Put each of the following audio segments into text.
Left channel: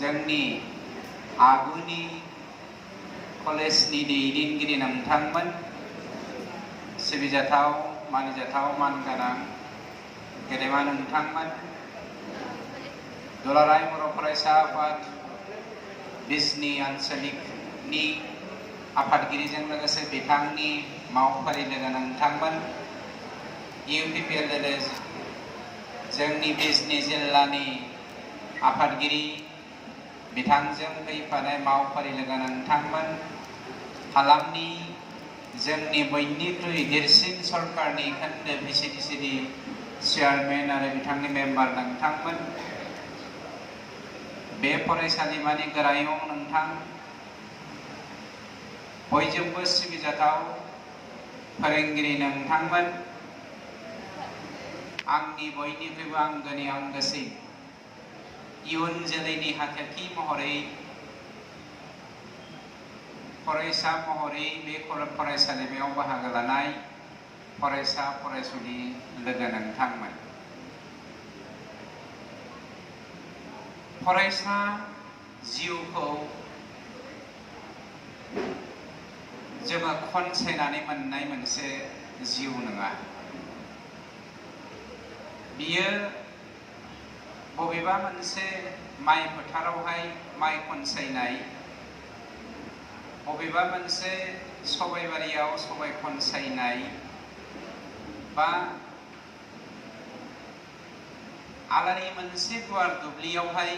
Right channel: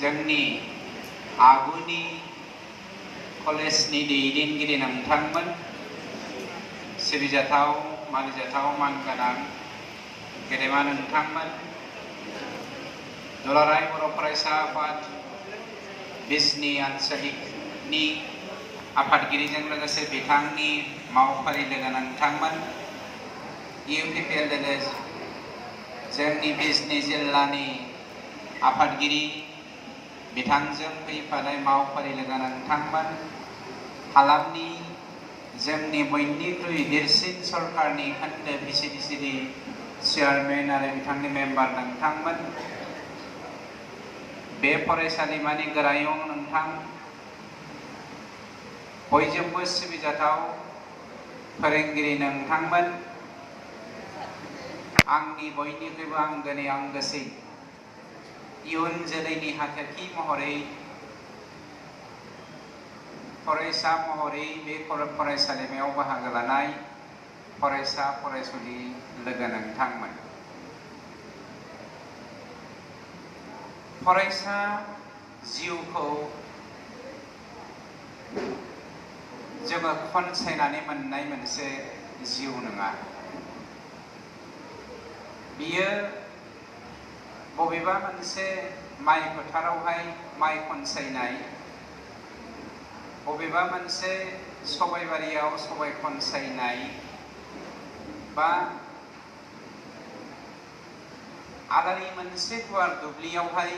जोंनि आगुनि कलेजनि दैदेनगिरि नोंथांमोन, सिबिजाथाव मानिजाथाव मानगोनां गेदेमा नोंथांमोन, दुलाराय बर' फरायसा आफाद बिजनि आनसलिकनि आफादगिरिजों लोगोसे बिथांनि मावफारि लोगो नोंथांमोन, UPPL जोंनि बिजनि जिल्लानि आफादगिरि बिथांजों फैफानाय मावफारि लोगो नोंथांमोन, हालामनि जोंनि बयनिख्रुइ देरसिन सरकारनि खोन्दो VCDCनि चेयारमेन आरो बिथांनि मेम्बार नोंथांमोन, बे फरायसालिमानि गोरायुं नोंथां, बयजोंबो सिबिजाथाव फोरोंगिरि नोंथांमोन, आंनि बयनिख्रुइबो आंगोनि आंगोसिन इयुन जोलैनि हाथरखि महरै फरायसा महरै बे फरायसालिमायाव बाहागो लानाय फरायसा फरायसुलि लोगो नोंथांमोन। फरायसा जिउखौ जोङो खनसायनानै मोननाय मोनसे जिउ नङा। बियो बबेबा मोनसे माइ फोथारावहाय माइ खनसायनाय, बबेबा मोनसे सबायबारियाव सबाय खनसायनाय, बा आलारि मोनसे गुवार दुब्लियावहाय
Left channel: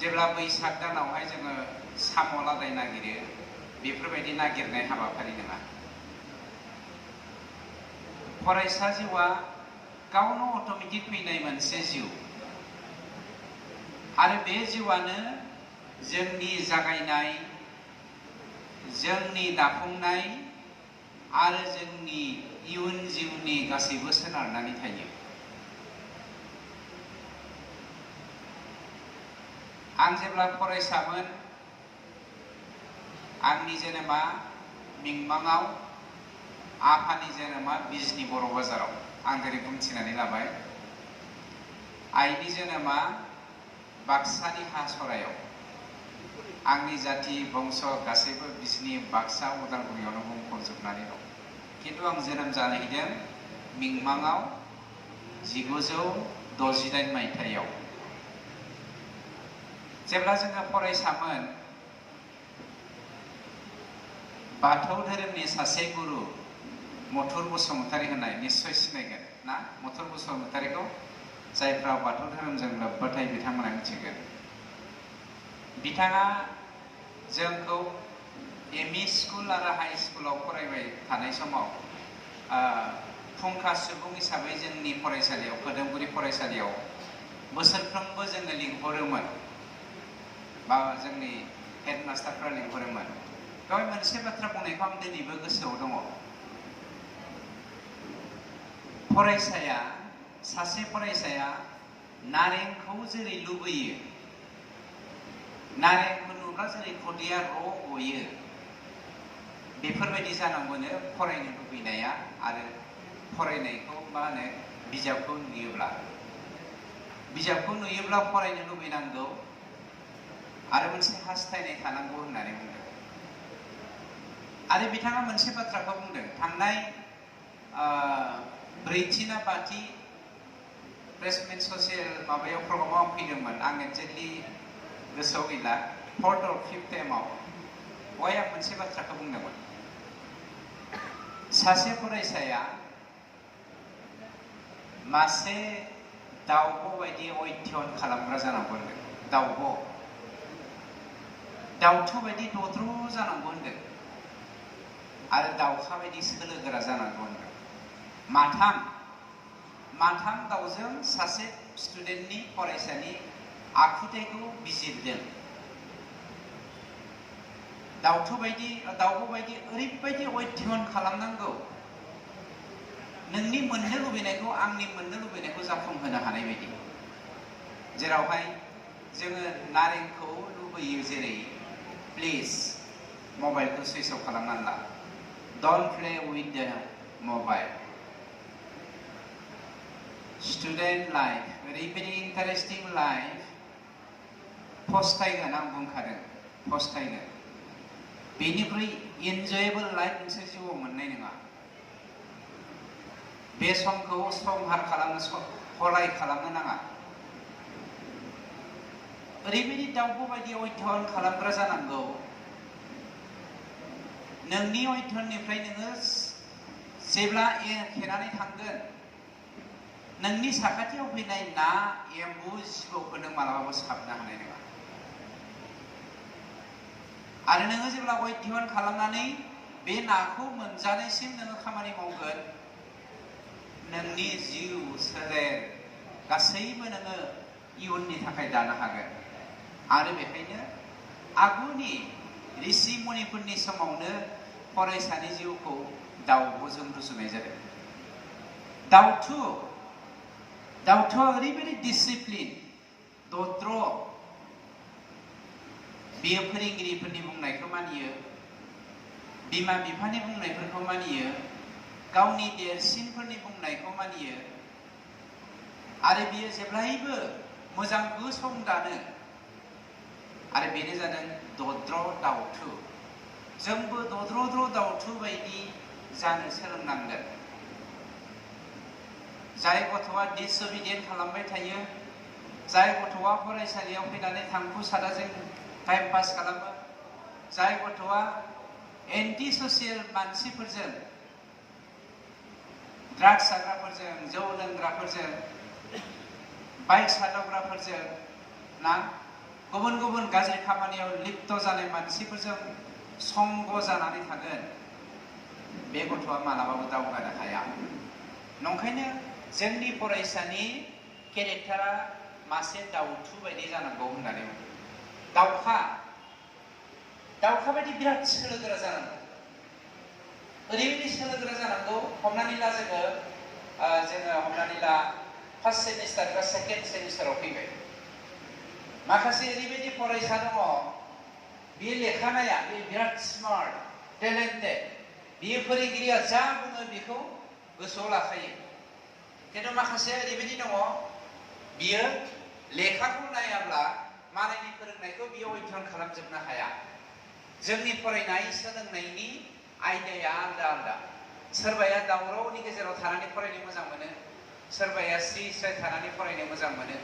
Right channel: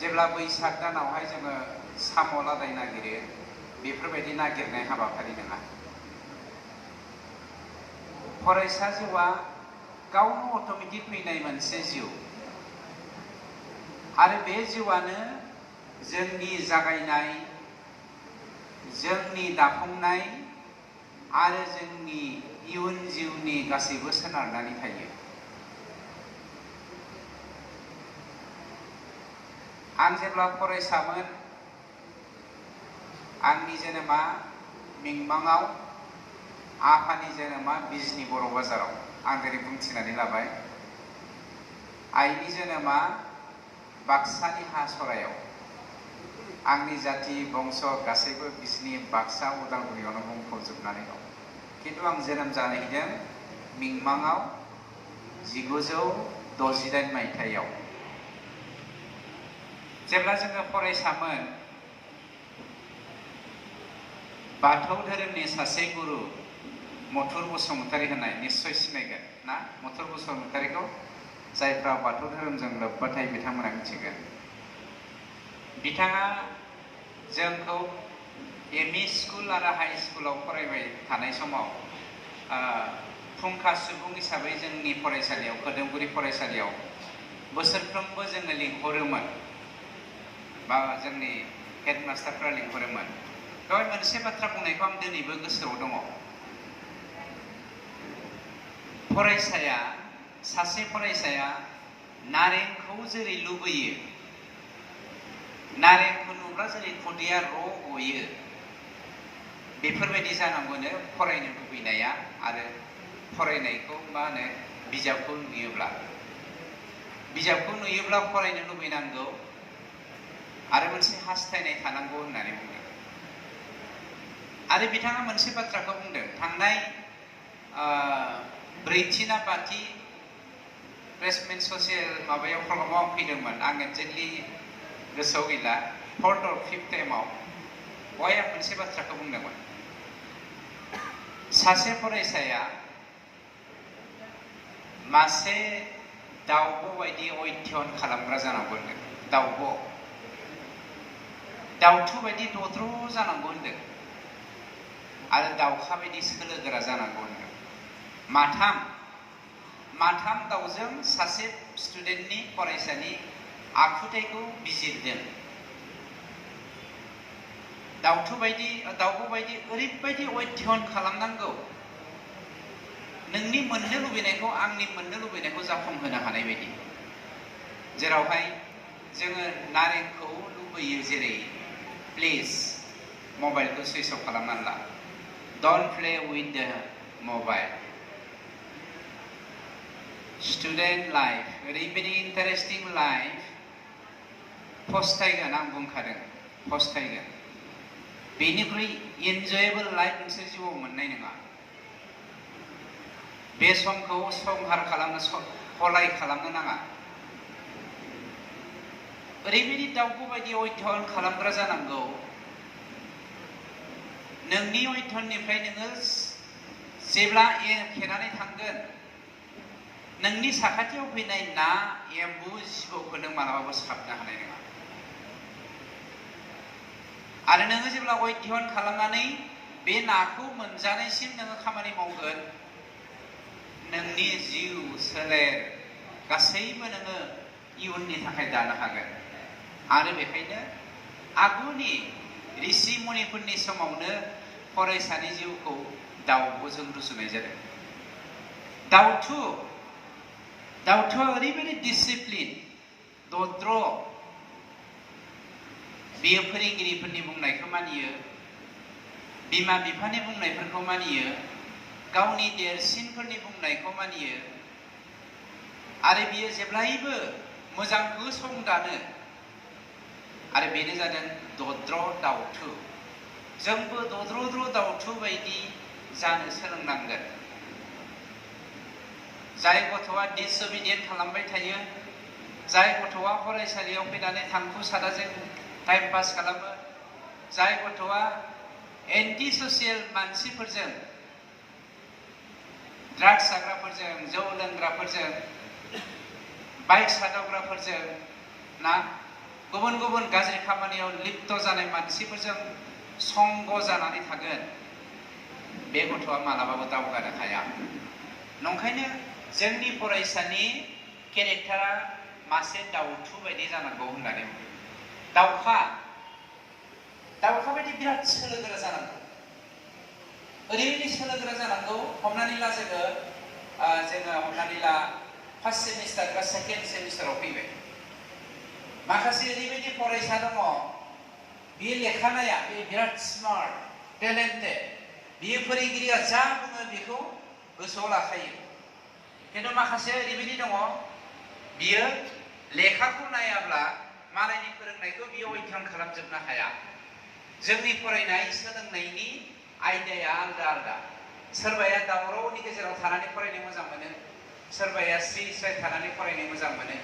जेब्ला बैसाग दानावहाय जोङो साम' लादाय नागिरो, बेफोरबायदि नागिरनाय हाबाफारि नङा। फरायसा जिउआ गावनो अट'मेटिक फैनाय मोनसे जिउ, आरो बे जिउआनो जोंनि जागायनाय, जोंनि दाफुंनाय आरो जोंनि इयुन जिउनि गासैबो सोनारनानै थायो। आं जेब्ला फरायसामोन, आंनि जोनोमा मिंमाङाव, आफानि जोनोमा बिजनि बर' बाजाराव। आं दिनै बुंथिनानै लाबाय। आइनि जोनोमा बाक्सानि हासरायाव। आंनि जाथि बंश गासैबो बिजनि बाक्सा उदालगुरियावनो बुंफबजोबनानै दं। खिन्थु आं जोनोम जाहैदों मिंमाङाव 1968 मायथाइयाव। जेब्ला जोङो फरायसामोन, बाथौ धोरोमनि सासे गुरु मथुर बसुमतारी होननाय, निस्सय सिनायगोन ना मथुर बसुमतारीखौ? जायफ्रा बाथौ धोरोमजों लोब्बा थायो बिथांमोना मिथिगोन। बिथाङा जोंखौ ME स्कुल आरो हाइ स्कुलाव फरायबाय थानाय समाव फुंखा सुबुं हिसाबै जोंनि फरायसालियाव, खोदोमगुरि फरायसालियाव बोसोरफ्रोमबो जोङो लिंहरोमोन, बा जोंनि हेडमास्टारफ्रा लिंहरोमोन। बेवहाय मोनसे बाथ्रा बुंनायखौ आं दिनैबो गोसोआव दङ। सासे फरायसाया नारेंखौ जेरै लुबैयो, नारेंखौ नुब्ला जेरै खुदैया र' गयो, बेफोरबायदि जानांगौनो फरायनो लुबैनाया, आरो फरायनायखौ मा होनो, बिजाबखौ नुयोब्ला फरायनो लुबैनांगौ, आरो मोनसे हास्थायनाय थानांगौ होननानै बुंदों। आरो बिथाङा मोनसे बाथ्राखौ बुंदों, थांनाय ब्रैथि ना बाथि प्लेसमेन्ट ससियेल माबायाव प्रग्रामाव आं फैदोंमोन, आं एक्जेक्टलि गोसोआव गैला, 4th or 5th टाइमाव। बेवहाय आं मोनसे बाथ्राखौ बुंदोंमोन, सासे फरायसाया मासे दाउब' बायदि अध्ययन खालामग्रा जानांगौ होनदों। दाउथु बायदि दद्र जानांगौ होनदों, आरो दाउखा बायदि सोलो गोरा जानांगौ होनदों। माथाम दाउजों सासे स्टुडेन्टनि, फरायसानि आखुथायखौ बिजिरदों। दाउब' बायदि ओरैबायदि अध्ययन खालामनांगौ, नोंनि मोननो लुबैनायखौ, आंनि मोननो लुबैनायखौ जाफुंहोनो हानाय बायदि। जेरावहाय जोङो नारेंखौ लुबैयो, जेरै प्लिज मबाइलखौ सुइच अफ खालामनानै ला, डन्ट प्ले उइथ द मबाइल। स्टुडेन्ट लाइफ, ओरैबायदि इन्टारेस्टिं लाइफ, फस्थायगोन आं बुंखादों फस्थायगोन बेनिख्रुइ इनजयेबल लाइफ नोंसोर जिउआव मोननाय नङा बे समखौ संहार खालामनो हलाय खालामनो नाङा ओरैबायदि दाउखौ बायदि अध्ययन खालामग्रा जानांगौ नोंनि अध्ययननिफ्राय नोङो जेब्ला एरखेनानै थांगोन नोंनि साखाथियाव फैनाय ना एम्बु जिबौखौ नों मालाबाबो साबनो हानाय नङा आरो नोङो जेब्ला अध्ययन खालामनानै बे नाखौ मोनजानायसिम नोङो खामानि मावगोन नोंनि जिउ सोलेर गासैबो नोङो इयुननि थाखाय दानो हागोन आरो बेखायनो आगुनि ऋषि मुनिफोरनि समावनो फरायसानि जिउखौ दाउब'जों रुजुनाय जादों दाउथुआ ओरैबायदि डिसिप्लिन दद्र बियो फोरोंगिरिफोरनि बुंनायखौ मानियो बिमा बिफानि बुंनायफोरखौ मानियो गावनि देरसिनफोरनि बुंनायखौ मानियो आरो बियो जेब्लायबो मोजांखौ संगानो आरो बेनो जादों दद्र दाउथु जोंबो दद्र दाउथु बायदि जानो सोलोंनांगोन जाय गथ'आ डिसअबिडियेन्ट खालामबाय थायो जाय गथ'आ फरायसालियाव फैनानै थांखु सादाजों टाइम पास खालामो जाय गथ'आ एन्टि ससियेल मानसिफोरजों ड्राग्स जाग्राफोरजों जौ लोंग्राफोरजों बाइक सादावग्राफोरजों ना गुबुन गुबुन गाज्रि खामानियाव लिप्त जानाय मानसिफोरजों संग जानानै थागोन बे गथ'आ मालाबाबो दावगानो हाया नंखायनो जोंनि फरायसानि केरेक्टारा मासे दाउथु बायदि जानांगौ होननानै दाउखा बायदि बिराद सोलोगोरा जानांगौ ओरैबायदि सोलोगोरा जानांगौ हमनानै ला जोङो हमनानै ला फार्स्ट सेमिस्टार बा सेकेन्ड सेमिस्टाराव फैबाय माखासे ओरैबायदि फरायसा दङ बियो लेखानाया बे बिराद स्मार्ट टेलेन्टेड बियो फोरोंगिरिया जा बुङो बेखौ गोसोआव लाखायो खिन्थु माखासे ओरैबायदि दङ बियो लेखाखौ नायाब्ला मालायनि फोरोंनायखौ बियो अध्ययन खालामजोबनो हाया जोंनि फरायनाय सोलोंनायनि आयदाया आलदा आलदा सोरबाया दावरावनि गेजेराव थानानै फरायनो मोजां मोनो सोरबाया स्रि स्राय थानानै फरायनो मोजां मोनो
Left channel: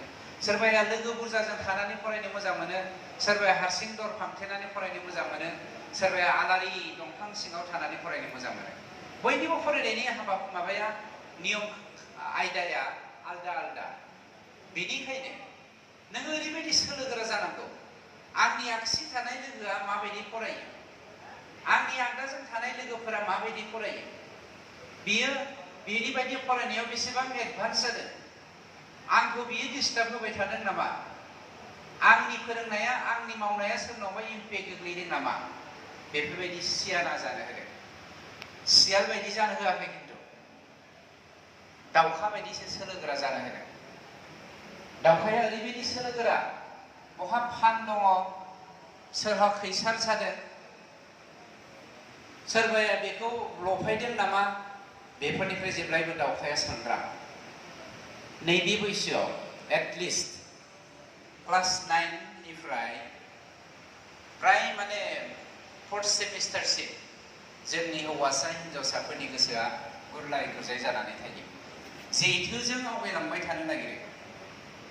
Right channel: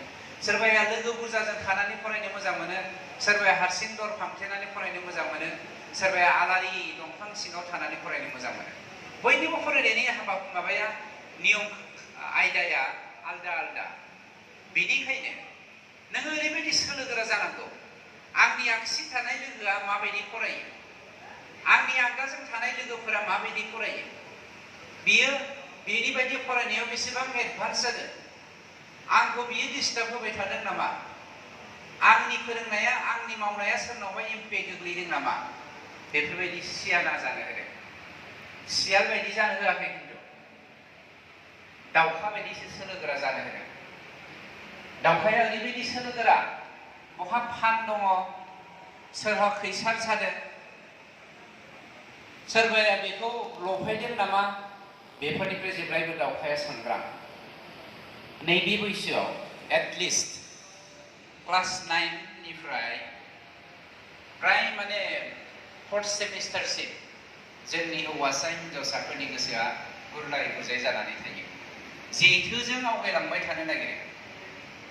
सोरबाया लोगो बुरजाजों थानानै फरायनो मोजां मोनो सोरबाया हारसिं दर फांथेनानै फरायनो मोजां मोनो सोरबाया आलारि दंफां सिङाव थानानै फरायनो मोजां मोनो बयनिबो फरायनायनि माबाया नियम आयदाया आलदा आलदा बेनिखायनो नोङो ओरैबायदि सोलोगोरा जानांगौ आंनि आगसि थानाय लोगोआ माबायदि फरायो आंनि आगदाजों थानाय लोगोफोरा माबायदि फरायो बियो बेनि बायदि फरायनायाव बेसेबां एडभान्स जादों आंखौ बियो डिस्टार्ब होबाय थादों नामा आंनि फोरोंनाया आंनि मावनाया सोरनावबा इम्पेक्ट गोग्लैदों नामा बेफोरबायदि सियाना जानो होदों सियाल बायदि जानो होआखै खिन्थु दाउखा बायदिसो सोलोगोरा जानो होदों दाउखाया ओरैबायदि सोलोगोरा बहा फान दङ सोरहा खैसार जादों सोरबाया बेखौ लफायदों नामा बेफोरनिफ्राय जेब्लायबो दाउखाया सांग्रां नैबे बैसोआव एटलिस्ट क्लास 9 निफ्राय प्राय माने 4th सेमिस्टारसिम जोंनि हौवासा हिन्जावसाफोरनि गोसोआ गुरलाय गुजाय जानानै थायो जेथोजों आवगायलांबाय थानो नागिरो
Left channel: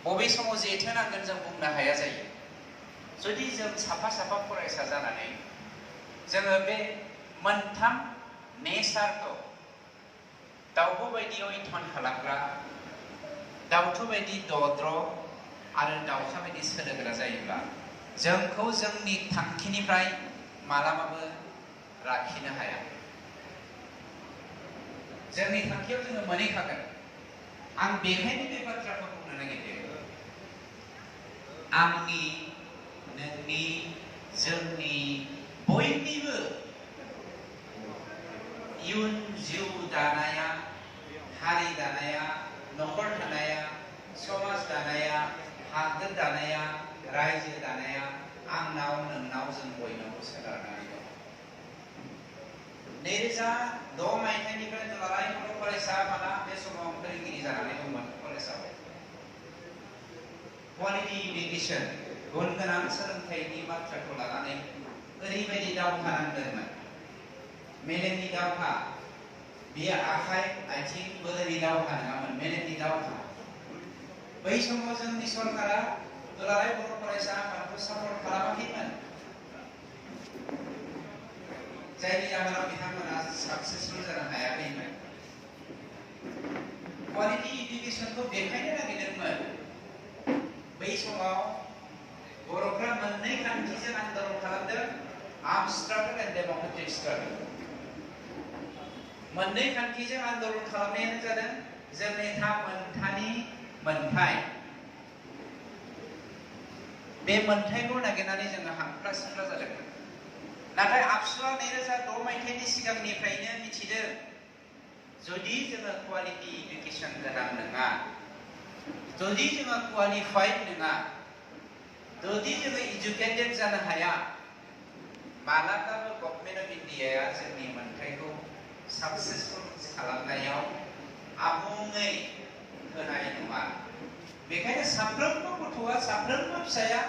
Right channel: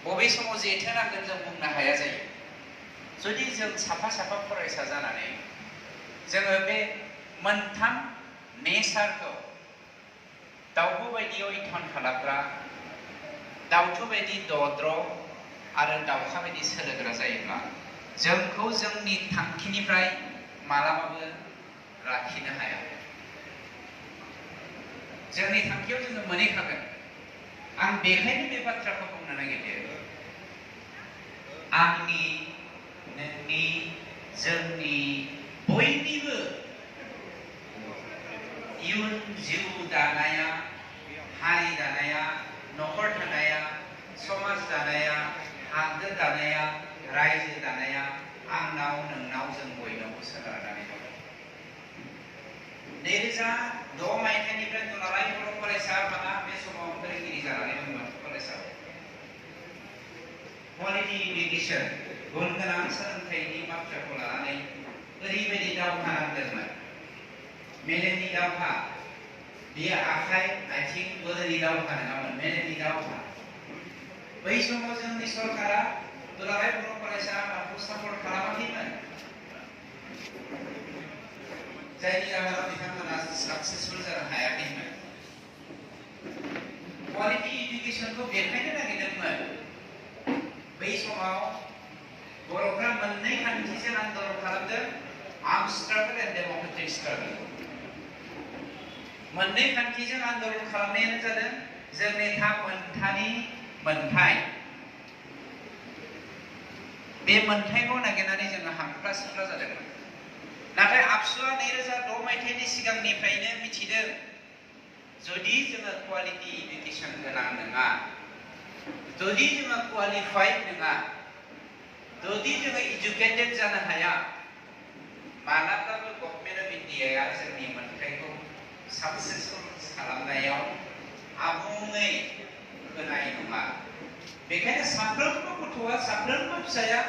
बबे समाव जेथो नांगोन जों बुंनो हाया जायो जुदि जों साफा साफा फरायसा जानानै जोङो बे मोनथाम नेचारखौ दाउब' बायदि अध्ययन खालामग्रा दाउथु बायदि दद्र आरो दाउखा बायदि सोलोगोरा जायोब्ला जोंखौ जोंनि थांखिनिफ्राय मालाबाबो लाखिनो हाया जोंनि थांखियाव जोङो मोनहैखागोन आं बेखायनो बे बाथ्राखौ बुंनो नागिरदों आंनि नोंनि जोंनि बयनिबो इयुन जिउ दानाया हारि दानाया न'खर दानाया समाज दानाया हादोर दानाया रायजो दानाया आंनाव नोंनाव जों बयनावबो सोनारनानै दं 2006 मायथाइनिफ्राय दुलाराय बर' फरायसा आफादा बे समाव फोरोंगिरि जानानै दंमोन कलेजाव क्वालिटि इडुकेसन गुन गोनां सोलोंथाइनि बाथ्राखौ लानानै ओरैबायदि दावहा नांदोंमोन मेलेमनि दावहा बेयो आखाइ आथिं बोलोनि दावहा नङामोन मेलेमनि दावहा बै समाव जोंनि सरकारा दुलाराय बर' फरायसा आफादखौ सापर्ट खालामाखैमोन जायनि जाहोनाव बिथांमोना साक्सेसफुल जानो हायाखैमोन क्वालिटी एडुकेशनखौ बेखायनो नागिरदोंमोन बै समाव बर'फ्रा मोननै खान्थिजों आन्दलन खालामदों arm struggle and democratic struggle मोननै खान्थिजों आन्दलन खालामनायानो जादों जोंनि मोनथानि मोनथाय बे मोनथायखौ नागिरनानै जोङो हांख्रा सिख्रा जादों नाथाय आबसुआ 2006 मायथाइनि सिगांनिफ्रायनो मिथिदों जुदि जोङो क्वालिटी एडुकेशन गोनां नङा जुदि जोङो क्वालिफाइड नङा जुदि जोङो एजुकेटेड जानो हाया मालाबाबो गभर्नमेन्ट अफ इन्डियाया जोंनि मोनथायखौ साक्सेसफुल खालामनायाव आबुङै होनाय नङा बेखायनो साफ्रोमबो गथ'आ साफ्रोमबो फिसाया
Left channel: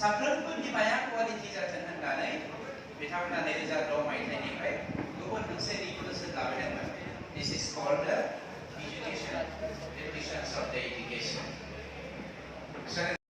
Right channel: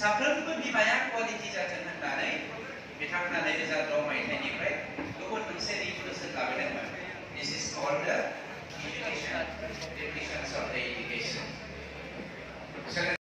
साफ्रोमबो बिमाया क्वालिटी जाथों होननानै बिथांमोना 2006 मायथाइनिफ्राय गुबुन मोनसे